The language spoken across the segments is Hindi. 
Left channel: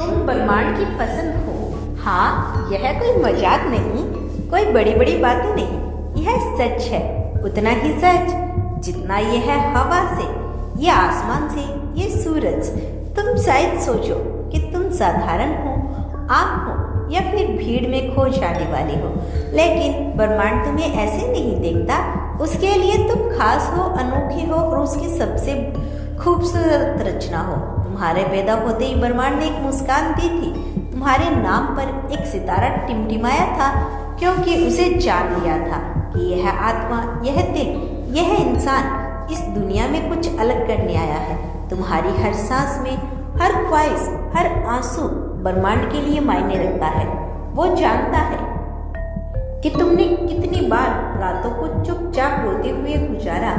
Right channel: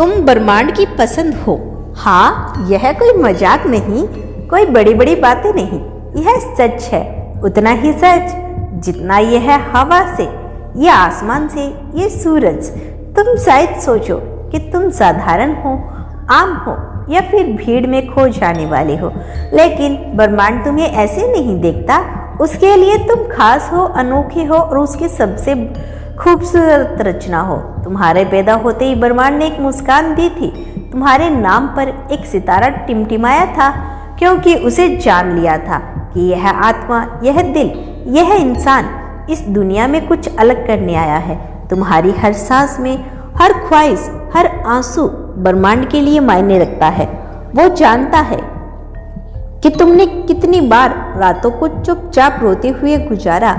तुम ब्रह्मांड की पसंद हो। हाँ, यह कोई मजाक नहीं, कोई बड़ी बड़ी बातें नहीं, यह सच है। उतना ही सच जितना यह हवा से, ये आसमान से, ये सूरज। तुम शायद सोचो कि तुम साधारण हो, आम हो या फिर भीड़ में खो जाने वाले हो, लेकिन ब्रह्मांड तुम्हें ऐसे नहीं देखता। उसके लिए तुम खास हो, अनोखे हो और उसकी सबसे खूबसूरत रचना हो। तुम्हारे पैदा होते ही ब्रह्मांड ने एक मुस्कान दी थी। तुम्हारे नाम पर एक सितारा टिमटिमाया था, क्योंकि उसे जान लिया था कि यह आत्मा, यह दिल, यह इंसान इस दुनिया में कुछ अलग करने आया है। तुम्हारी हर सांस में, हर ख्वाहिश, हर आंसू ब्रह्मांड के लिए मायने रखता है। वो जानता है कि तुमने कितनी बार रातों को चुपचाप रोते हुए गुजारा,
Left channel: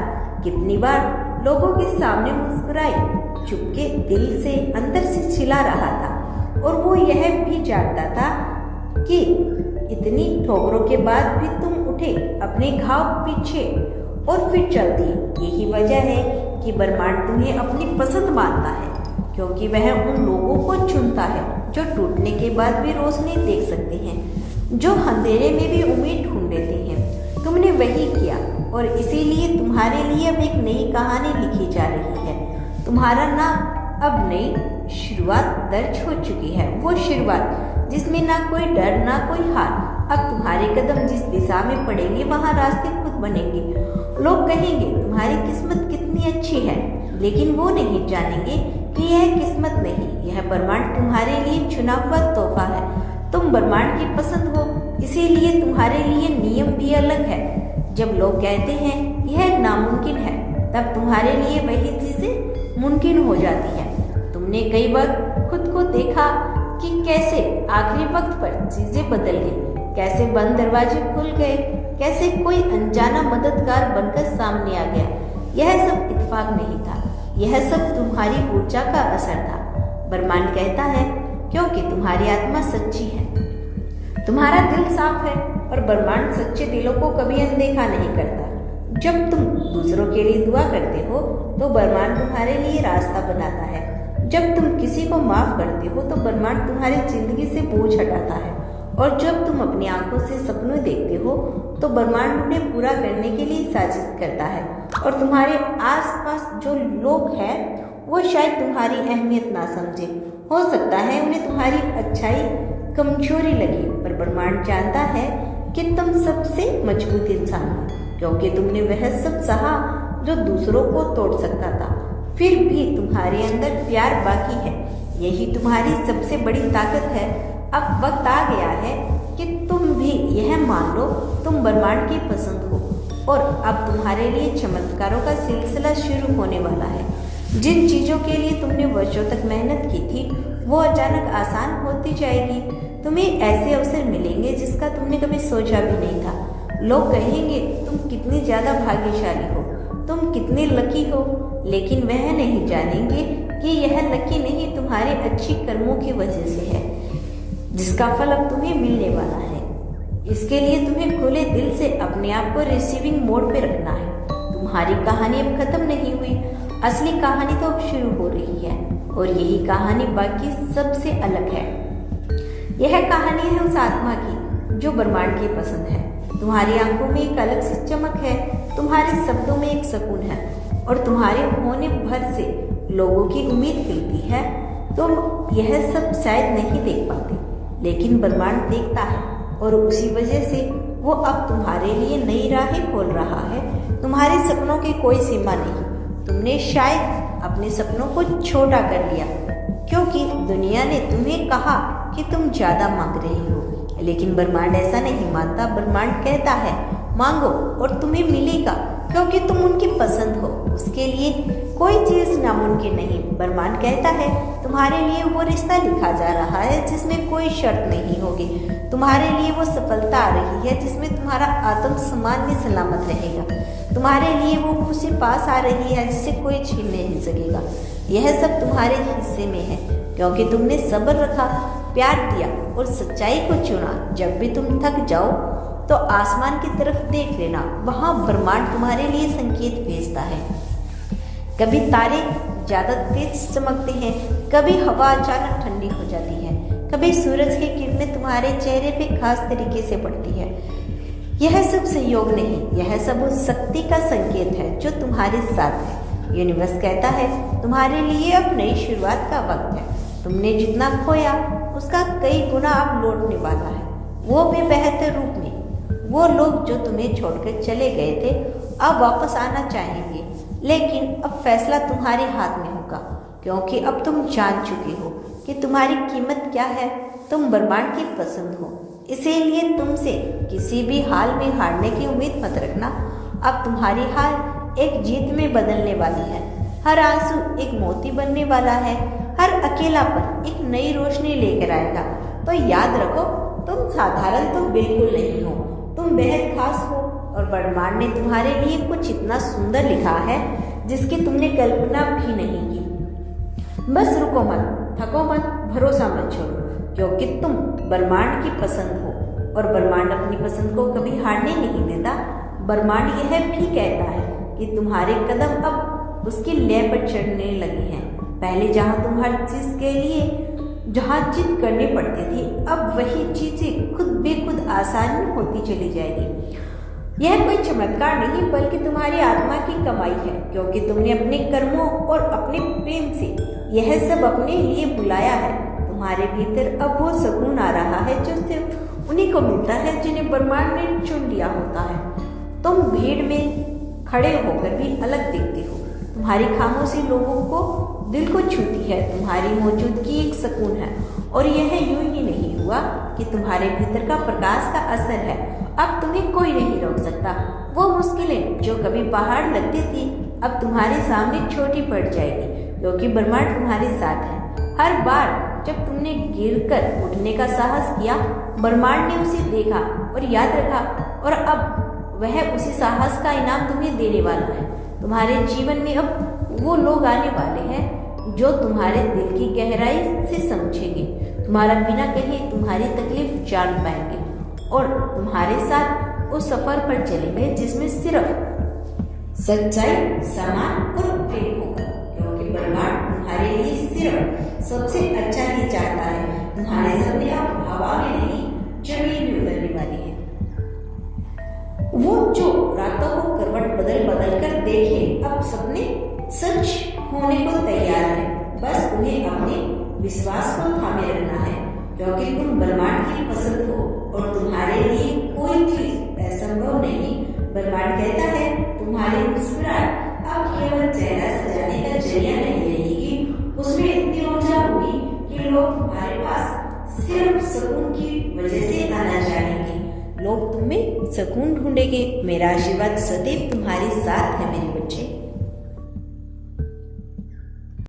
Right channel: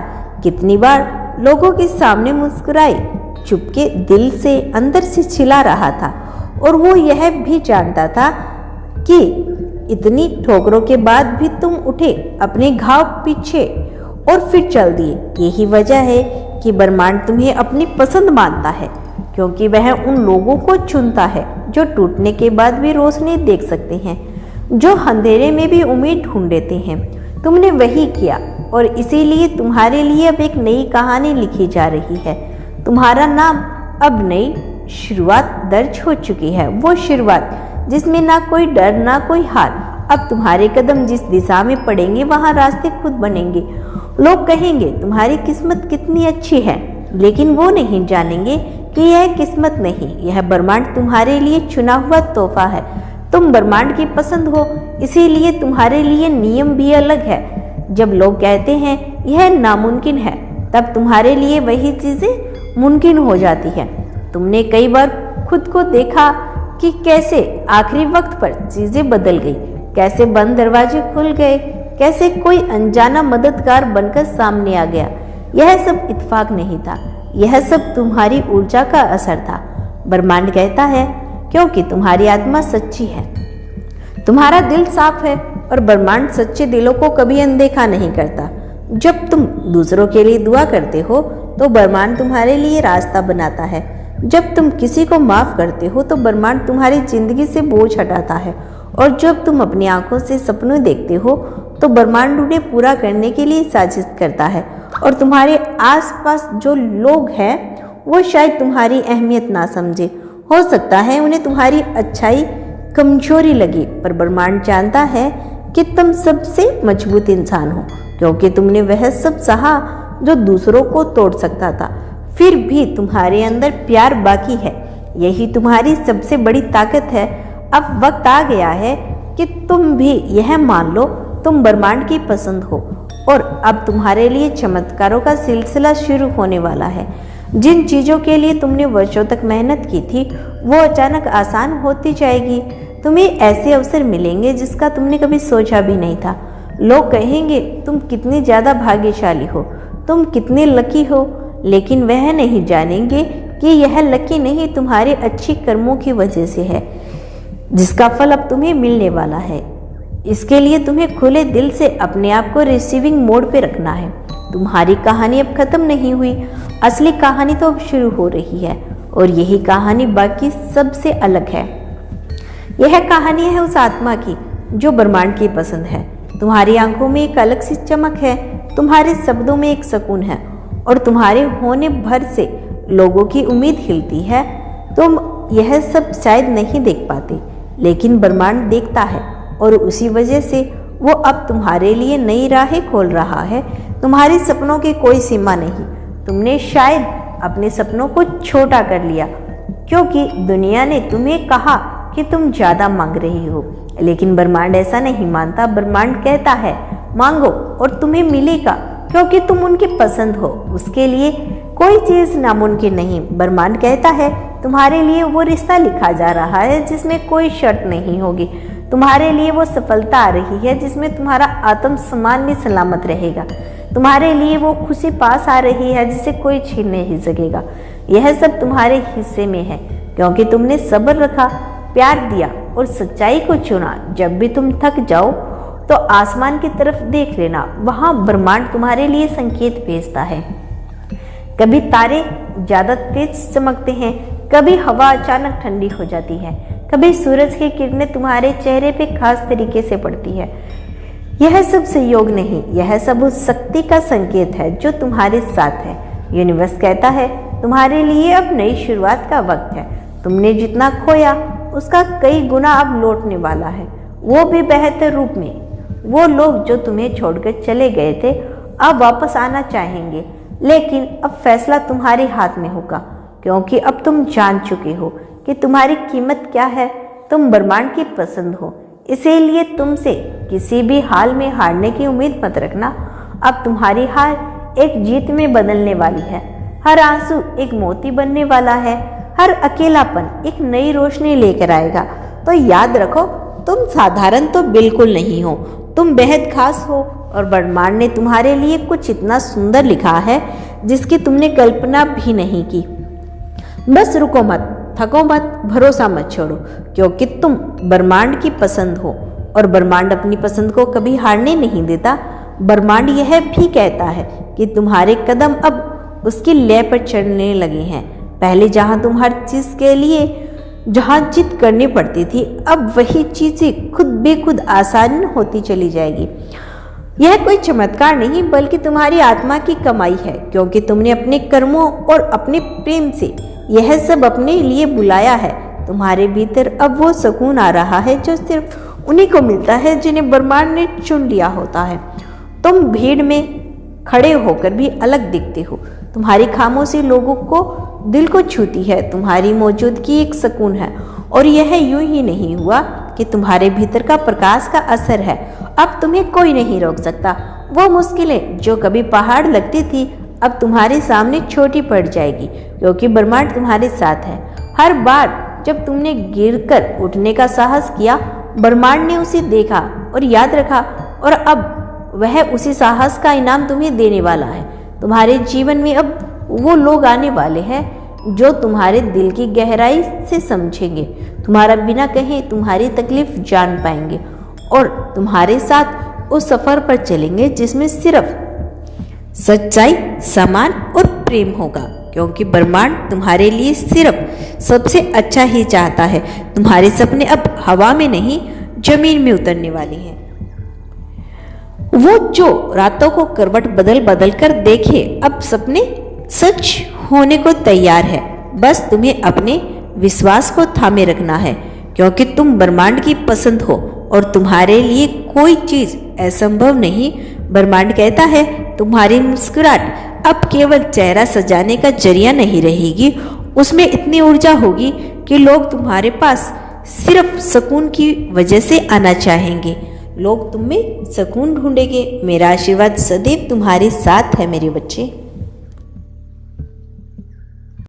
कितनी बार लोगों के सामने मुस्कुराई, चुपके दिल से अंदर से चिल्ला रहा था। और वो यह भी जानता था कि इतनी ठोकरों के बाद भी तुम उठे, अपने घाव पीछे और फिर चल दिए। यही वजह है कि ब्रह्मांड तुम्हें अपनी पसंद मानता है, क्योंकि वह उन लोगों को चुनता है जो टूटने के बाद भी रोशनी देख सकते हैं, जो अंधेरे में भी उम्मीद ढूंढ लेते हैं। तुमने वही किया और इसीलिए तुम्हारे लिए अब एक नई कहानी लिखी जा रही है। तुम्हारा नाम अब नई शुरुआत दर्ज हो चुकी है, वो शुरुआत जिसमें ना कोई डर, ना कोई हार। अब तुम्हारे कदम जिस दिशा में पड़ेंगे वहां रास्ते खुद बनेंगे। लोग कहेंगे तुम्हारी किस्मत कितनी अच्छी है, लेकिन वो नहीं जानेंगे कि यह किस्मत नहीं, यह ब्रह्मांड तुम्हारे लिए चुना हुआ तोहफा है। तुम ब्रह्मांड की पसंद हो, इसीलिए तुम्हारे लिए नियम भी अलग है। जब लोग कहते हैं यह नामुमकिन है, तब तुम्हारे लिए वही चीजें मुमकिन हो जाती है। तुमने कई बार खुद को देखा कि कैसे आखिरी वक्त पर चीजें बदल गई, कैसे बंद दरवाजे खुल गए, कैसे कोई अनजाना मददगार बनकर सामने आ गया। यह सब इत्तेफाक नहीं था, यह सब तुम्हारी ऊर्जा का असर था। ब्रह्मांड कहता है क्योंकि तुम्हारी आत्मा सच्ची है, तुम्हारा दिल साफ है और ब्रह्मांड सच्चे दिलों को कभी अनदेखा नहीं करता। जब तुम दूसरों के लिए दुआ करते हो तो ब्रह्मांड तुम्हारे लिए रास्ता बनाता है। जब तुम किसी को माफ करते हो तो ब्रह्मांड तुम्हारी जिंदगी से बोझ हटाता है। और जब तुम अपनी आंखों से सपने देखते हो तो ब्रह्मांड उन्हें पूरा करने के लिए साजिश करता है। और तुम्हारे आसपास जो लोग हैं वो शायद तुम्हारी अहमियत ना समझे, हो सकता है उन्हें तुम्हारी अच्छाई कमजोरी लगी, पर ब्रह्मांड जानता है कि तुम सबसे मजबूत इंसान हो, क्योंकि तुमने वह सब सहा जो दूसरों को तोड़ सकता था। फिर भी तुम्हारे अंदर प्यार बाकी है, यही तुम्हारी सबसे बड़ी ताकत है। अब वक्त आ गया है कि तुम भी यह मान लो तुम ब्रह्मांड की पसंद हो, और अब तुम्हारे लिए चमत्कारों का सिलसिला शुरू होने वाला है। जिन चीजों के लिए तुमने वर्षों तक मेहनत की थी वो अचानक आसान होती जाएगी। तुम्हें ऐसे अवसर मिलेंगे जिसका तुमने कभी सोचा भी नहीं था। लोग कहेंगे तुम कितनी ज्यादा भाग्यशाली हो, तुम कितने लकी हो, लेकिन वह नहीं जानेंगे कि यह लकी नहीं तुम्हारे अच्छी कर्मों की वजह से है, जिसका फल अब तुम्हें मिलने वाला है। इसके लिए तुम्हें खुले दिल से अपने आप को रिसीविंग मोड पे रखना है। तुम्हारी कहानी अब खत्म नहीं हुई, असली कहानी तो अब शुरू हो रही है, और यही कहानी बाकी सबसे अलग है। यह कहानी है उस आत्मा की जो ब्रह्मांड की पसंद है। तुम्हारी आंखों में एक अलग सी चमक है, तुम्हारे शब्दों में एक सुकून है, और तुम्हारे होने भर से लोगों की उम्मीद खिलती है। तुम यह सब शायद नहीं देख पाते, लेकिन ब्रह्मांड देखता है, और उसी वजह से वो अब तुम्हारे लिए नई राहें खोल रहा है। तुम्हारे सपनों की कोई सीमा नहीं। तुमने शायद अपने सपनों को छोटा कर लिया, क्योंकि दुनिया ने तुम्हें कहा कि तुम ज्यादा मांग रही हो, लेकिन ब्रह्मांड ऐसा नहीं मानता। ब्रह्मांड कहता है मांगो और तुम्हें मिलेगा, क्योंकि तुम उनकी पसंद हो। उसके लिए कोई चीज नामुमकिन नहीं। ब्रह्मांड कहता है तुम्हारे लिए वो रिश्ता लिखा जा रहा है जिसमें कोई शर्त नहीं होगी। तुम्हारे लिए वो सफलता आ रही है जिसमें तुम्हारा आत्मसम्मान भी सलामत रहेगा। तुम्हारे लिए वो खुशी पास आ रही है जिसे कोई छीन नहीं सकेगा। यह सब तुम्हारे हिस्से में है, क्योंकि तुमने सब्र रखा, प्यार दिया और सच्चाई को चुना। जब भी तुम थक जाओ तो आसमान की तरफ देख लेना, वहां ब्रह्मांड तुम्हारे लिए संकेत भेजता है। कभी तारे ज्यादा तेज चमकते हैं, कभी हवा अचानक ठंडी हो जाती है, कभी सूरज की किरणें तुम्हारे चेहरे पे खास तरीके से पड़ती है। यह सब संयोग नहीं, यह सब उस शक्ति का संकेत है जो तुम्हारे साथ है। यूनिवर्स कहता है तुम्हारे लिए अब नई शुरुआत का वक्त है। तुमने जितना खोया उसका कई गुना अब लौटने वाला है, वो भी बेहतर रूप में। वो लोग जो तुम्हें छोड़कर चले गए थे अब वापस आना चाहेंगे, लेकिन अब फैसला तुम्हारे हाथ में होगा, क्योंकि अब तुम जान चुके हो कि तुम्हारी कीमत क्या है। तुम ब्रह्मांड की पसंद हो, इसीलिए तुमसे किसी भी हाल में हारने की उम्मीद मत रखना। अब तुम्हारी हार एक जीत में बदलने वाली है। हर आंसू एक मोती बनने वाला है, हर अकेलापन एक नई रोशनी लेकर आएगा। तो याद रखो, तुम साधारण तो बिल्कुल नहीं हो, तुम बेहद खास हो और ब्रह्मांड ने तुम्हारे लिए कुछ इतना सुंदर लिखा है जिसकी तुमने कल्पना भी नहीं की। बस रुको मत, थको मत, भरोसा मत छोड़ो, क्योंकि तुम ब्रह्मांड की पसंद हो और ब्रह्मांड अपनी पसंद को कभी हारने नहीं देता। ब्रह्मांड यह भी कहता है कि तुम्हारे कदम अब उसकी लय पर चढ़ने लगे हैं। पहले जहां तुम हर चीज के लिए जहां जिद करनी पड़ती थी, अब वही चीजें खुद बेखुद आसान होती चली जाएगी। यह कोई चमत्कार नहीं बल्कि तुम्हारी आत्मा की कमाई है, क्योंकि तुमने अपने कर्मों और अपने प्रेम से यह सब अपने लिए बुलाया है। तुम्हारे भीतर अब वो सुकून आ रहा है जो सिर्फ उन्हीं को मिलता है जिन्हें ब्रह्मांड ने चुन लिया होता है। तुम भीड़ में खड़े होकर भी अलग दिखते हो। तुम्हारी खामोशी लोगों को दिल को छूती है। तुम्हारी मौजूदगी एक सुकून है, और यह यूं ही नहीं हुआ कि तुम्हारे भीतर का प्रकाश का असर है। अब तुम्हें कोई नहीं रोक सकता। वो मुश्किलें जो कभी पहाड़ लगती थी अब तुम्हारे सामने छोटी पड़ जाएगी, क्योंकि ब्रह्मांड तुम्हारे साथ है। हर बार जब तुमने गिरकर उठने का साहस किया, ब्रह्मांड ने उसे देखा और याद रखा, और अब वह उसी साहस का इनाम तुम्हें देने वाला है। तुम्हारे जीवन में अब वो लोग आने वाले हैं जो तुम्हारे दिल की गहराई से समझेंगे, तुम्हारा बिना कहे तुम्हारी तकलीफ जान पाएंगे और तुम्हारे साथ उस सफर पर चलेंगे जिसमें सिर्फ सच्चाई, सम्मान और प्रेम होगा, क्योंकि ब्रह्मांड तुम्हारे लिए सिर्फ सबसे अच्छा ही चाहता है। तुम्हारे सपने अब हवा में नहीं, जमीन में उतरने वाले हैं। वो जो रातों को करवट बदल बदल कर देखे, अब सपने सच होने को तैयार है। बस तुम्हें अपने विश्वास को थामे रखना है, क्योंकि तुम ब्रह्मांड की पसंद हो और तुम्हारे लिए कोई चीज असंभव नहीं। ब्रह्मांड कहता है तुम्हारी मुस्कुराहट अब केवल चेहरा सजाने का जरिया नहीं रहेगी, उसमें इतनी ऊर्जा होगी कि लोग तुम्हारे पास सिर्फ सुकून की वजह से आना चाहेंगे। लोग तुम में सुकून ढूंढेंगे। मेरा आशीर्वाद सदैव तुम्हारे साथ है मेरे बच्चे।